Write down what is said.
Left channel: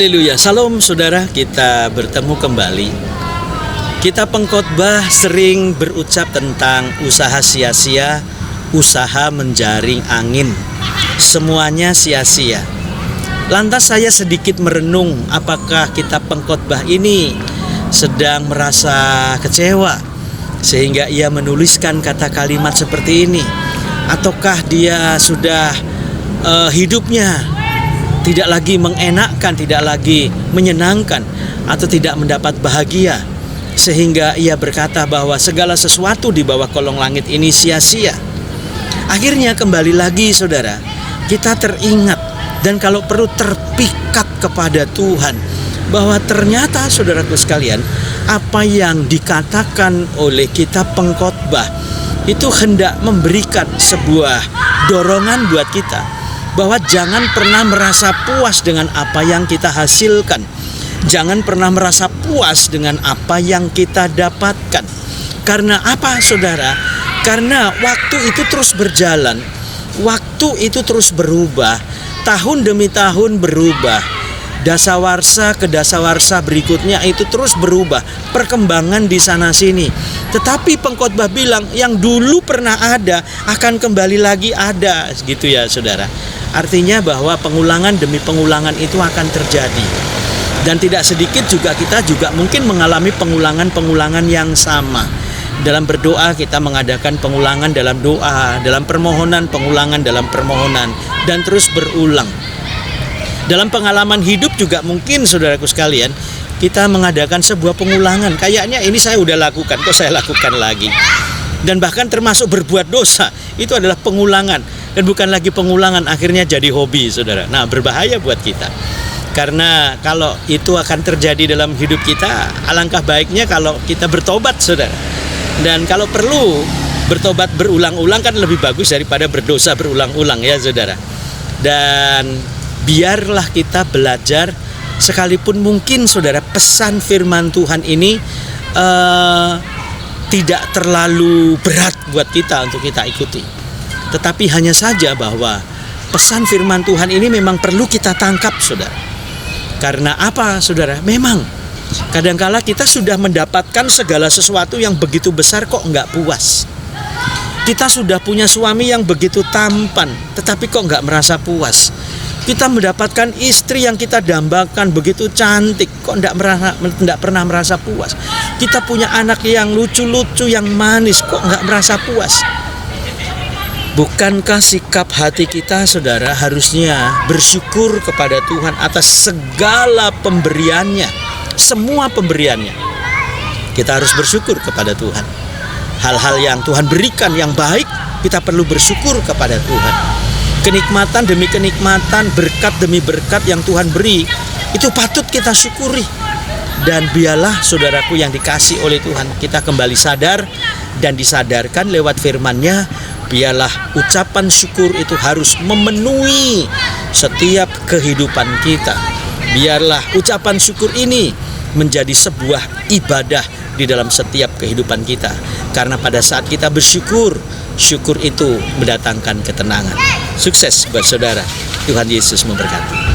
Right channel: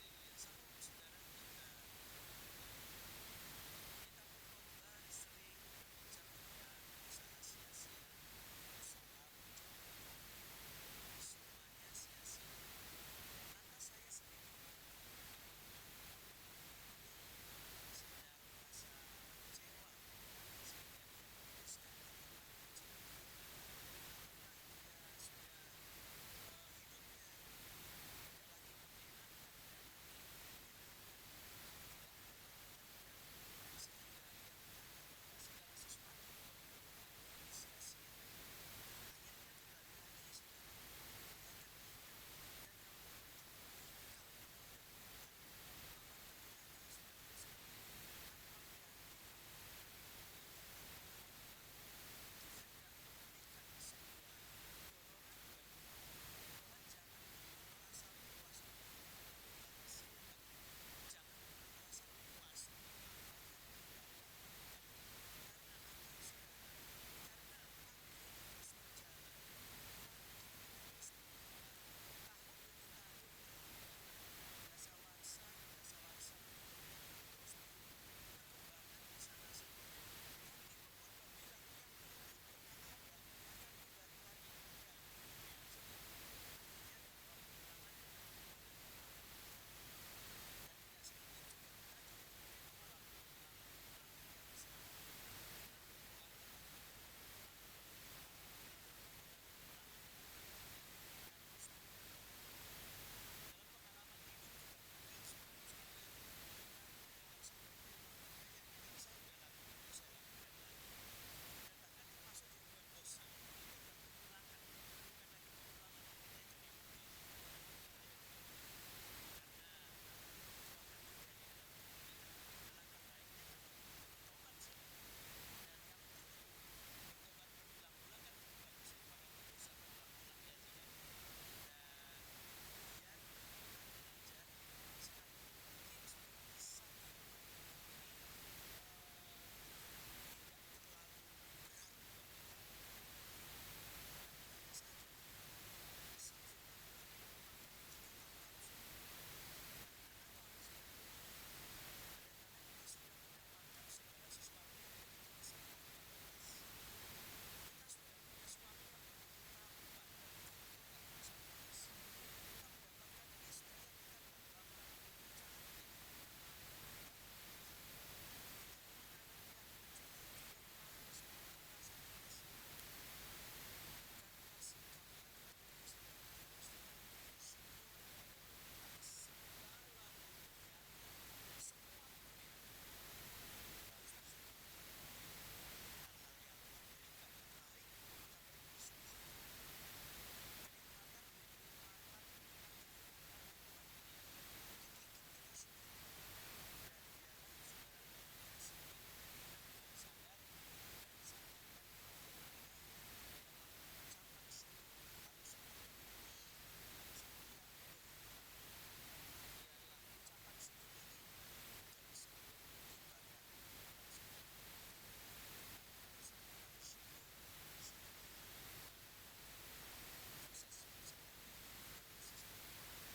Haleluya, salam saudara, kita bertemu kembali. Kita pengkhotbah sering berucap tentang usaha sia-sia, usaha menjaring angin. Semuanya sia-sia. Lantas saya sedikit merenung, apakah kita pengkhotbah ini sedang merasa kecewa sehingga ia menuliskan kata kalimat seperti ini, ataukah dia sudah hidupnya tidak lagi mengenakkan, tidak lagi menyenangkan, atau tidak mendapat bahagia, sehingga ia berkata bahwa segala sesuatu di bawah kolong langit ini sia-sia. Akhirnya kembali lagi saudara, kita teringat dan kalau perlu terpikat kepada Tuhan, bahwa ternyata saudaraku sekalian, apa yang dikatakan oleh kitab pengkhotbah itu hendak memberikan sebuah dorongan buat kita, bahwa jangan pernah merasa puas dengan apa yang kita hasilkan. Jangan pernah merasa puas dengan apa yang kita dapatkan. Karena apa saudara? Karena waktu itu terus berjalan. Waktu itu terus berubah. Tahun demi tahun berubah. Dasawarsa ke dasawarsa berikutnya itu terus berubah. Perkembangan di sana sini. Tetapi pengkhotbah bilang yang dulu pernah ada akan kembali lagi ada. Gitu ya saudara. Artinya bahwa pengulangan demi pengulangan itu akan terjadi. Dan tidak sedikit juga kita juga mungkin mengalami pengulangan-pengulangan yang sama. Dalam berdoa kita mengadakan pengulangan dalam doa, dalam permohonan pengulangan dalam permohonan, dan terus berulang. Dalam pengalaman hidup juga mungkin saudaraku sekalian, kita mengadakan sebuah pengulangan. Kayaknya ini saya udah lakukan, kok saya lakukan lagi. Dan bahkan termasuk berbuat dosa, itu adalah pengulangan. Dan bukan lagi pengulangan, akhirnya jadi hobi saudara. Nah, berbahaya buat kita. Karena kalau itu akan terjadi dalam hidup kita, alangkah baiknya kalau kita bertobat saudara. Dan kalau perlu bertobat berulang-ulang kan lebih bagus daripada berdosa berulang-ulang ya saudara. Dan biarlah kita belajar, sekalipun mungkin saudara pesan firman Tuhan ini tidak terlalu berat buat kita untuk kita ikuti. Tetapi hanya saja bahwa pesan firman Tuhan ini memang perlu kita tangkap saudara. Karena apa saudara? Memang kadangkala kita sudah mendapatkan segala sesuatu yang begitu besar kok enggak puas. Kita sudah punya suami yang begitu tampan, tetapi kok enggak merasa puas. Kita mendapatkan istri yang kita dambakan begitu cantik, kok enggak pernah merasa puas. Kita punya anak yang lucu-lucu, yang manis, kok enggak merasa puas. Bukankah sikap hati kita saudara harusnya bersyukur kepada Tuhan atas segala pemberiannya, semua pemberiannya. Kita harus bersyukur kepada Tuhan. Hal-hal yang Tuhan berikan yang baik, kita perlu bersyukur kepada Tuhan. Kenikmatan demi kenikmatan, berkat demi berkat yang Tuhan beri, itu patut kita syukuri. Dan biarlah saudaraku yang dikasih oleh Tuhan, kita kembali sadar dan disadarkan lewat firman-Nya. Biarlah ucapan syukur itu harus memenuhi setiap kehidupan kita. Biarlah ucapan syukur ini menjadi sebuah ibadah di dalam setiap kehidupan kita. Karena pada saat kita bersyukur, syukur itu mendatangkan ketenangan. Sukses buat saudara. Tuhan Yesus memberkati.